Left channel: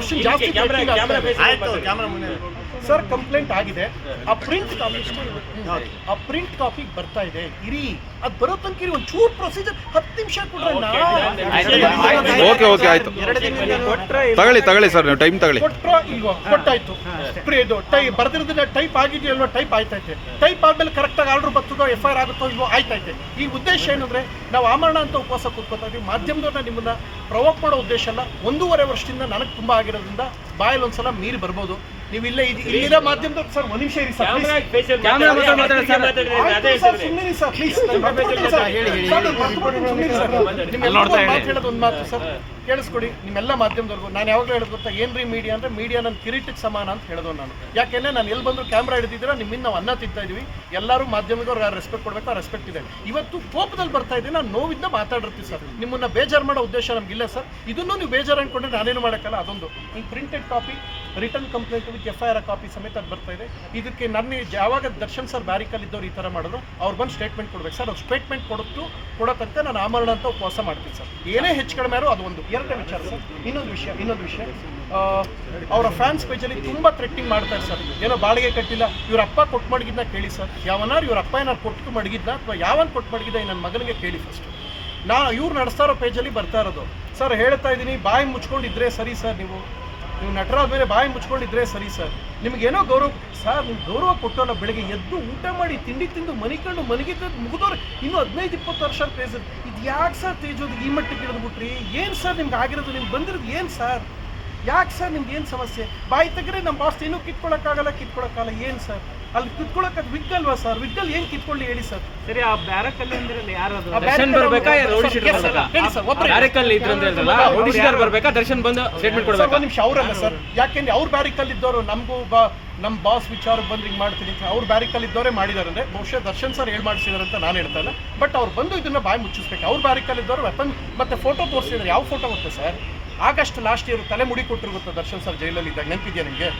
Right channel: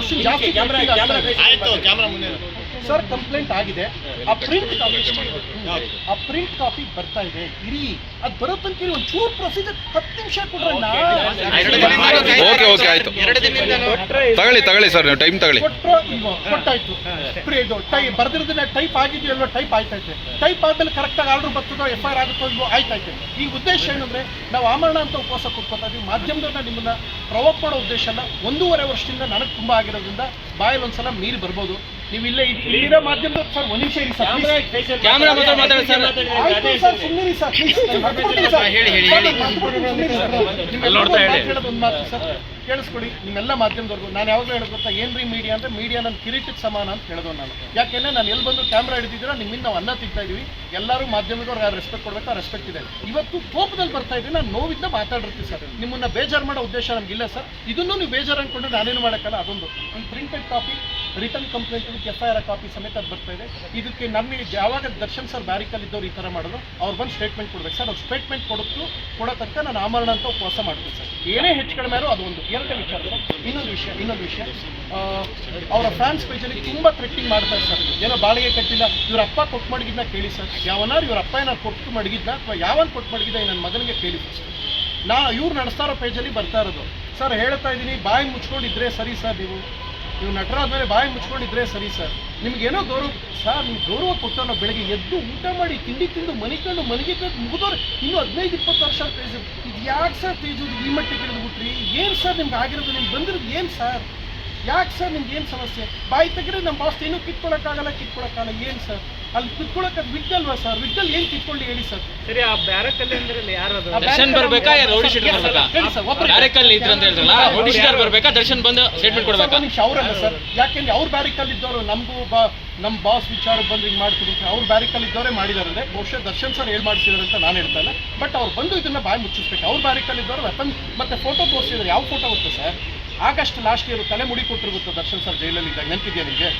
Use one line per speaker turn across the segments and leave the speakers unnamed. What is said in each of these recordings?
ವರ್ಷದಿಂದ ಜಾಸ್ತಿ
camera
trending
camera
ಆಗ್ತಾ ಇದೆ.
ಆಯ್ತು ಕ್ಯಾಮ್ರಾ ಮುಂದೆ
ಸರ್ ಕಂಪ್ಲೇಂಟ್ ಆಗಿದೆ. ಆ ಪ್ರಿಂಟ್ ಕಾಪಿ ಆ ಪ್ರಿಂಟ್ ಕಾಪಿ ಬರ್ತಾ ಇದೆ. ಇರಿ. ಅದು ಬರೋ ತನಕ ಇರಿ. ಒಂಚೂರು ಚೂರು ಪ್ರೊಸೀಜರ್ ಹತ್ತು ನಿಮಿಷ ಕೊಡ್ರಣ್ಣ
ಓಕೆ ಓಕೆ ಆಯ್ತು. ತಗೊಳ್ಳಿ ತಗೊಳ್ಳಿ ಸರ್ ನೀವು ಟೈಮ್ ತಗೊಳ್ಳಿ.
ಕೊಟ್ರ ಇಲ್ವೋ? ಕೊಟ್ಟಾಯ್ತು. ಪ್ರಿ- ಇದು ಟೈ ಬರ್ದಿರೋದನ್ನ ಟೈಪ್ ಆಗಿದೆಯಲ್ವ? ಟೈಪ್ ಆಯ್ತೈತೆ. ಟೈಪ್ ಆದ್ಮೇಲೆ ಕರೆಕ್ಟಾಗಿ ಆರ್ಡರ್ ಬರ್ತದೋ ಎಫ್ ಐ ಆರ್ ಆಗುತ್ತೋ ಇಲ್ವೋ? ಆಯ್ತೈತೆ. ಈ ಉದ್ದೇಶ ಏನಂದ್ರೆ ನಾವು ಆಮರಣ ಅಂತ ಉಪವಾಸ ಕೊಟ್ಕೋತಾ ಇದೀವಿ. ಮಾಧ್ಯಮದವ್ರನ್ನ ನಿಮ್ಮನ್ನ ಪ್ರವೋಕ್ ಮಾಡೋ ಉದ್ದೇಶ ಅಲ್ಲ. ಒಂದೂವರೆ ವರ್ಷದಿಂದ ನನಗೆ ತುಂಬಾ ಆಗಿರೋದ್ರಿಂದ ಬಾಯಲ್ಲಿ ಒಂದ್ಸಲ ಮೀರಿ ಬರ್ಬೋದು. ನೀವು ಇಲ್ಲೇ ಇಲ್ಲಿರೋ ಮಾಧ್ಯಮದ ಸರ್ ಒಂದು ನಿಮಿಷ ಇರಿ ಸರ್.
ಸರ್.
ಸುಮ್ಮನೆ ಸರ್, ಸರ್, please. ನಾನು
ಹೇಳಿ,
ಒಂದು ಮಾತು ಹೇಳೋದು ಒಂದು ಮಾತು ಸರ್. ಕೇಳಿಸ್ಕೊಡಿ ನಿಮ್ಮೆಲ್ಲ ಮಾಧ್ಯಮದವ್ರಿಗೂ. ನಾನು ಯಾವಾಗಲೂ ಹೇಳೋದು ಗೊತ್ತಾ ಏನ್ರಿ ಮೀಡಿಯಾ ಅಂದ್ರೆ ಮೀಡಿಯಾ ನನ್ನ ಕಿರೀಟಕ್ಕೆ ಸಮಾನ ಅಂತ ಹೇಳೋದು ನಾನು. ಯಾಕೆಂದ್ರೆ ನಾನು ಎಲ್ಲಿ ಬಂದು ಕ್ಯಾಮ್ರಾ ಹಿಡಿದಿದ್ದೀರಾ ನಿಮ್ಮಿಂದ ನಾವು ಅನ್ನ ತಿಂತಾ ಇದೀವಿ. ಎಲ್ಲರೂ ಮಾಧ್ಯಮದವ್ರು ರೆಸ್ಪೆಕ್ಟ್ ಕೊಡ್ಬೇಕು ರೆಸ್ಪೆಕ್ಟ್ ಇದೆ. ಇವತ್ತು ಕೋಪದಲ್ಲಿ ಬರ್ತಾ ಇದ್ದೀನಿ ನಾನು ನೋವಿಂದ ಮಾತಾಡಿರ್ತೀನಿ ಸರ್. ನಿಮ್ಮನ್ನ ಬೇಜಾರು ಮಾಡೋ ಉದ್ದೇಶ ನಮಗಿಲ್ಲ ಸರ್. ಇದನ್ನು ನೀವು ಬೇಜಾರು ಅನ್ಕೊಂಡ್ರೆ ನಾನೇನು ಮಾಡೋಕ್ಕಲ್ಲ ಅದೊಂದು. ಒಂದು printed copy return complaint with F I R copy ಸಮೇತ ಅದು ಬರ್ತಾ ಇದೆ. ಇದಕ್ಕೆ ನನ್ನ ಯಾವಾಗ ದರ್ಶನ್ ಸರ್ ಬ್ಯಾರಿಕಲ್ ಇದ್ದವ್ರು ಈ ಥರ ಮಾಡಿದ್ರು ಅವ್ರು ಬಂದು ಸ್ಟೇಟ್ಮೆಂಟ್ ಕೊಡ್ಬೇಕು. ಸರ್ ಅವ್ರು ಸ್ಟೇಟ್ಮೆಂಟ್ ಕೊಡುತ್ತು ಕೊಡೋ ನಾನು ಆಮರಣ ಅಂತ ಉಪವಾಸ ಮಾಡ್ತೀನಿ ಸರ್ ಏನೇ ಹೆಚ್ಚು ಕಡಿಮೆ ಆದ್ರೂ ಅದು ಒಂದು ಎರಡನೇ ವಿಚಾರ ಸರ್ ಇನ್ನೊಂದು ವಿಷಯ ಇನ್ನೊಂದು ವಿಷಯ. ಅವರ ಫ್ಯಾನ್ಸ್ ಪೇಜಲ್ಲಿ ತುಂಬ ಥ್ರೆಟ್ಟಿಂಗ್ ಮಾಡ್ತಾರೆ ಸರ್ ಏನೋ ಬಾಡಿಗೆ ಕಟ್ಟಿಲ್ಲ. ಇವ್ರ ಅಪ್ಪ ಕೊಟ್ಟು ಮಡಗಿದ್ನ ಕೇಳಿ ಸರ್ ಯಾವನಾರು ಇವ್ರ ಅಪ್ಪ ಏನಾರು ಕೊಟ್ಟು ಮಡಗಿದ್ನ ಅಥವಾ ಯಾವನ್ ಕೊಟ್ಟು ಮಡಗಿದ್ದ ನನ್ನ ಮಗನಿಗೆ ಕೇಳಿ ಫಸ್ಟ್ ನಾ ಇವ್ರು ನಡೆಸ್ತಾರೋ ಪೇಜಲ್ಲಿ ಬರ್ತಾ ಇರೋದು. ಸರ್ ಹೇಳ್ತಾ ಇದ್ದೀನಿ ಬಾಯಿ ಮುಚ್ಕೊಂಡಿದ್ರೆ ಸರಿ ಸರ್ ನೀವು. ನೀವು ನಟರಾದ್ಮೇಲೆ ಬಾಯಿ ಮುಚ್ಕೊಂಡಿದ್ರೆ ಸರಿ ಸರ್. ನಿಮಗೇನೋ ಗೌರವ ಸರ್ ನಿಮ್ಗೆ ಗೌರವ ಕೊಟ್ಟು ನಾವು ಬೆಳಗ್ಗೆ ಎದ್ದು ಊಟ ಮಾಡಿ ತಿಂಡಿ ತಿಂದು ಮನಿಕೊಂಡು ಮನೆಗೆ ಮುಗಿದವ್ರು. ಇನ್ನೂ ಹದಿನೈದು, ಇಪ್ಪತ್ತು ವರ್ಷ ತೇಜ್ ಇದು ಯಾಕೆ ಸರ್ ತೇಜೋದು ಈ ಮಟ್ಟಿಗೆ ಹಿಡಿದ್ಬಿಟ್ರಿ? ಏನು ಸರ್ ನಿಮ್ಗೆ ಆಗಿರೋದು? ನಿಮ್ಗೆ ಬಂದಿರೋದು ಏನು ಸರ್? ಯಾಕೆ ಸರ್ ನಿಮ್ಗೆ ಏನು ಸಮಸ್ಯೆ? ಬಾಯಿ ತೆಗೆದ್ರೆ ನಮ್ಮ ಬಾಸ್ ಏನೂ ಕಿತ್ಕೊಳಕ್ಕಾಗಲ್ಲ ಕಿತ್ಕೊಳಕ್ಕಾಗಲ್ಲ. ಏನು ಸರ್? ಅಲ್ಲಿ ಕಿತ್ಕೊಳಕ್ಕೆ ಅದು ವಿಗ್ಗಲ್ವಾ ಸರ್? ವಿಗ್ಗಲ್ ಏನು ಕಿತ್ಕೊಳ್ಳಿ ಹೇಳಿ ಸರ್.
ಸರಿ ಆ ಬ್ಯಾರಕಲ್ಲಿ ಅಂದ್ರೆ
ದರ್ಶನ್ ಬರ್ಬೇಕಾ? ಯಾರು ರೌಡಿ ಶೀಟರ್ ಬರ್ಬೇಕಾ?
ಹೇಳಿ ಸರ್ ಒಬ್ಬರು
ಬ್ಯಾರಕಲ್ಲಿ ಇದ್ರು ಅಂತ ಹೇಳಿದ್ರಲ್ಲ ರೌಡಿ ಶೀಟರ್ ಬರ್ಬೇಕಾ? ದರ್ಶನ್ ಬಂದು ಸ್ಟೇಟ್ಮೆಂಟ್
ಸರ್,
ಕೊಡ್ಬೇಕಾ?
ನಿಮಿಷ ಅವರಲ್ಲ ಸರ್. ಯಾಕೆಂದ್ರೆ ಅವ್ರ ಬ್ಯಾರಿಕಲ್ ಇದ್ದವರು ನಮಗೂ ಬಾ ನಮ್ಮ ಬಾಸ್ ವಿಚಾರ ಬಂದು ಹಿಂಗೆ ಮಾಡ್ತೀನಿ ಅಂತ ಅವ್ರ ಬ್ಯಾರಿಕಲ್ ಇದ್ದವರೇ ಮಾಡಿದ್ದಾರೆ ಅಂದ್ರೆ ಬಹುಶಃ ದರ್ಶನ್ ಸರ್ ಹೇಳಿ ಮಾಡಿಸಿದಾರೆ ಅಂತ ನಾನು ಹೇಳ್ತಾ ಇಲ್ಲ. ಬಟ್ ಅವ್ರು ಬಂದು ಇದನ್ನ ಬಾಯಿ ಮುಚ್ಚಿಸ್ಬೇಕು. ಅವ್ರ ಬ್ಯಾರಿಕಲ್ ಇದ್ದವರು ವೆಪನ್ ಮತ್ತೆ ಫೋಟೋ ತೋರಿಸಿದ್ರೆ ಯಾವ ಫೋಟೋ ಗೊತ್ತೆ ಸರ್? ಆಗಸ್ಟ್ ಲಾಸ್ಟ್ ಇಯರ್ ತಲೆ ಮುಡಿ ಕೊಟ್ಟಿರುತ್ತೆ ದರ್ಶನ್ ಸರ್ ಜೈಲಲ್ಲಿ ಇದ್ದಾಗ ನೆನಪಿದೆಯಾ ನಿಮಗೆ?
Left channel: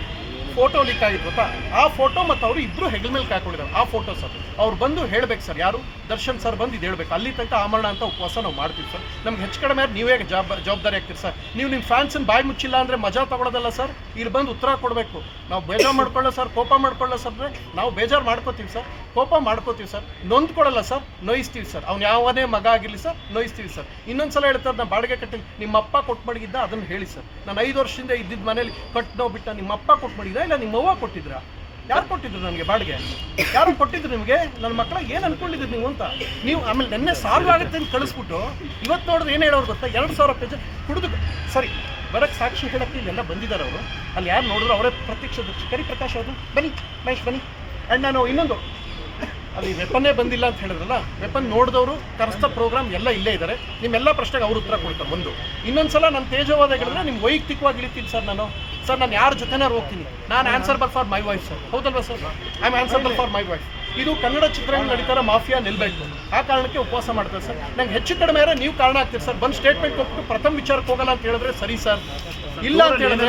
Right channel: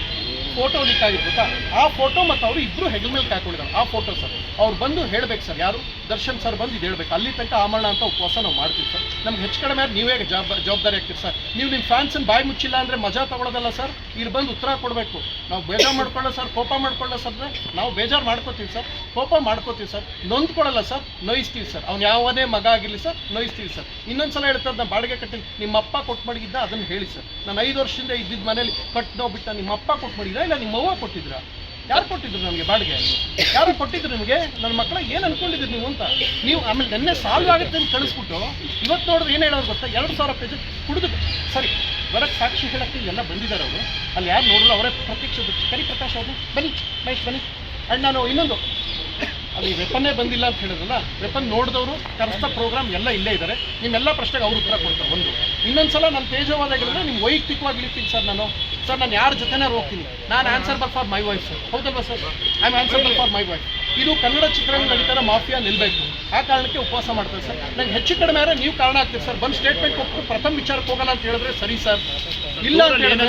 ಫೋಟೋ ಲೀಕ್ ಆಗಿದೆ ಗೊತ್ತಾ? ಆ ಫೋಟೋ ಮತ್ತು ಅವರು ಇಬ್ಬರು ಹೆಗಲ ಮೇಲೆ ಹಾಕೊಂಡಿದ್ದಾರೆ ಆ ಫೋಟೋ ಸರ್. ಅವ್ರು ಬಂದು ಹೇಳ್ಬೇಕು ಸರ್. ಯಾರು? ದರ್ಶನ್ ಸರ್ ಬಂದು ಇದು ಹೇಳ್ಬೇಕು. ಅಲ್ಲಿ ತನಕ ಆಮರಣ ಅಂತ ಉಪವಾಸ ನಾವು ಮಾಡ್ತೀವಿ ಸರ್. ನಮ್ಗೆ ಹೆಚ್ಚು ಕಡಿಮೆ ಆದ್ರೆ ನೀವೇ ಜವಾಬ್ ಜವಾಬ್ದಾರಿ ಆಗ್ತೀರಿ ಸರ್. ನೀವು ನಿಮ್ಮ ಫ್ಯಾನ್ಸನ್ನು ಬಾಯಿ ಮುಚ್ಚಿಲ್ಲ ಅಂದರೆ ಮಜಾ ತಗೊಳ್ಳೋದಲ್ಲ ಸರ್. ಇಲ್ಲಿ ಬಂದು ಉತ್ತರ ಕೊಡಬೇಕು. ನಾವು ಬೇಜಾರು ಮಾಡ್ಕೊಳ್ಳೋ ಸರ್. ಕೋಪ ಮಾಡ್ಕೊಳ್ಳೋ ಸರ್ ನಾವು ಬೇಜಾರು ಮಾಡ್ಕೋತೀವಿ ಸರ್. ಕೋಪ ಮಾಡ್ಕೋತೀವಿ ಸರ್. ನೊಂದ್ಕೊಡಲ್ಲ ಸರ್. ನೋಯಿಸ್ತೀವಿ ಸರ್. ಅವ್ನು ಯಾವನೇ ಮಗ ಆಗಿರಲಿ ಸರ್, ನೋಯಿಸ್ತೀವಿ ಸರ್. ಇನ್ನೊಂದು ಸಲ ಹೇಳ್ತಾರೆ ನಾನು ಬಾಡಿಗೆ ಕಟ್ಟಿ ನಿಮ್ಮ ಅಪ್ಪ ಕೊಟ್ಟು ಮಡಗಿದ್ದ ಅದನ್ನು ಹೇಳಿ ಸರ್. ನಾನು ಐದು ವರ್ಷದಿಂದ ಇದ್ದಿದ್ದ ಮನೇಲಿ ಕಟ್ಟೋ ಬಿಟ್ಟ ನಿಮ್ಮ ಅಪ್ಪ ಕೊಟ್ಟು ಇಲ್ಲ ನಿಮ್ಮ ಅವ್ವ ಕೊಟ್ಟಿದ್ರಾ? ಯಾರು ಕೊಟ್ಟಿದ್ರು ನನಗೆ ಬಾಡಿಗೆ? ಯಾರು ಕೊಟ್ಟಿದ್ರು ನಿಮಗೆ? ನನ್ನ ಮಕ್ಕಳ ಏನು ಅನ್ಕೊಂಡಿದ್ರು ನೀವು ಅಂತ? ನೀವು ಆಮೇಲೆ ನೆನ್ನೆ ಸಾಲ್ವ್ ಆಗುತ್ತೆ ಅಂತ ಕಳಿಸ್ಬಿಟ್ಟು ಇವತ್ತು ನೋಡಿದ್ರೆ ಏನು ಹೇಳೋರು ಗೊತ್ತಾ? ಎರಡು ಸಾವಿರ ಪೇಜ್ ಕುಡಿದು ಸರಿ ಬರಕ್ಕೆ ಸಾಕ್ಷಿ ಹೇಳಕ್ಕೆ ಎಲ್ಲ ಬಂದಿದ್ದಾರೆ ಅವರು. ಅಲ್ಲಿ ಯಾರು ನೋಡಿದ್ರು ಅವರೇ ಪ್ರತ್ಯಕ್ಷ ಕರಿ ಪ್ರಕಾಶ್ ಅವರು, ಬನ್ನಿ, ಮಹೇಶ್ ಬನ್ನಿ. ಅಂಡ್ ನಾನು ಇನ್ನೊಂದು. ಅಲ್ಲಿ ವೆಪನ್ನೇ ಬಂದಿಲ್ಲ ಅಂತ ಹೇಳಿದ್ರಲ್ಲ, ವೆಪನ್ ನೋಡಿದವರು, ಕರೆಸ್ತ ಪ್ರೋಗ್ರಾಮ್ ಎಲ್ಲ ಇಲ್ಲೇ ಇದ್ದಾರೆ ನಿಮ್ಮೆಲ್ಲ ಪ್ರಶ್ನೆಗೆ ಅವರು ಉತ್ತರ ಕೊಡ್ತಾರೆ, ಒಂದು. ಇನ್ನೊಂದು ಸಲ ನಾನು ತೇಜವಾದ ಹೇಳಿದ್ರೆ ನಿಮ್ಮ ವೈಯಕ್ತಿಕವಾಗಿ ಇರ್ತೀನಿ ಸರ್ ನಾನು. ಸರ್ ನಾನು ಯಾರ ಜೊತೆನಾರು ಹೋಗ್ತೀನಿ. ನಾನು answerable for my wife sir ಹೌದಲ್ವಾ sir I am answerable for my wife ಇದು ಕನ್ನಡ ಚಿತ್ರರಂಗ ನಡೀತಾರ ಮಾಫಿಯಾ ನಿಲ್ಬೇಕು. ಆ ಕಾರಣಕ್ಕೆ ಉಪವಾಸ ಮಾಡ್ತಾರೆ ಸರ್ ನಂಗೆ ಹೆಚ್ಚು ಕಡಿಮೆ ಆದರೆ ನೀವು ಕಾರಣ ಆಗ್ತೀರಿ ಸರ್ ಬಂದು ಸ್ಟೇಟ್ಮೆಂಟ್ ಕೊಟ್ಟು ಪ್ರಥಮ ವಿಚಾರಕ್ಕೆ ಹೋಗಲ್ಲ ಅಂತ ಹೇಳಿದ್ರೆ ಸರಿ ಸರ್ ಇಲ್ಲ ಅಂತ ಹೇಳಿದ್ರೆ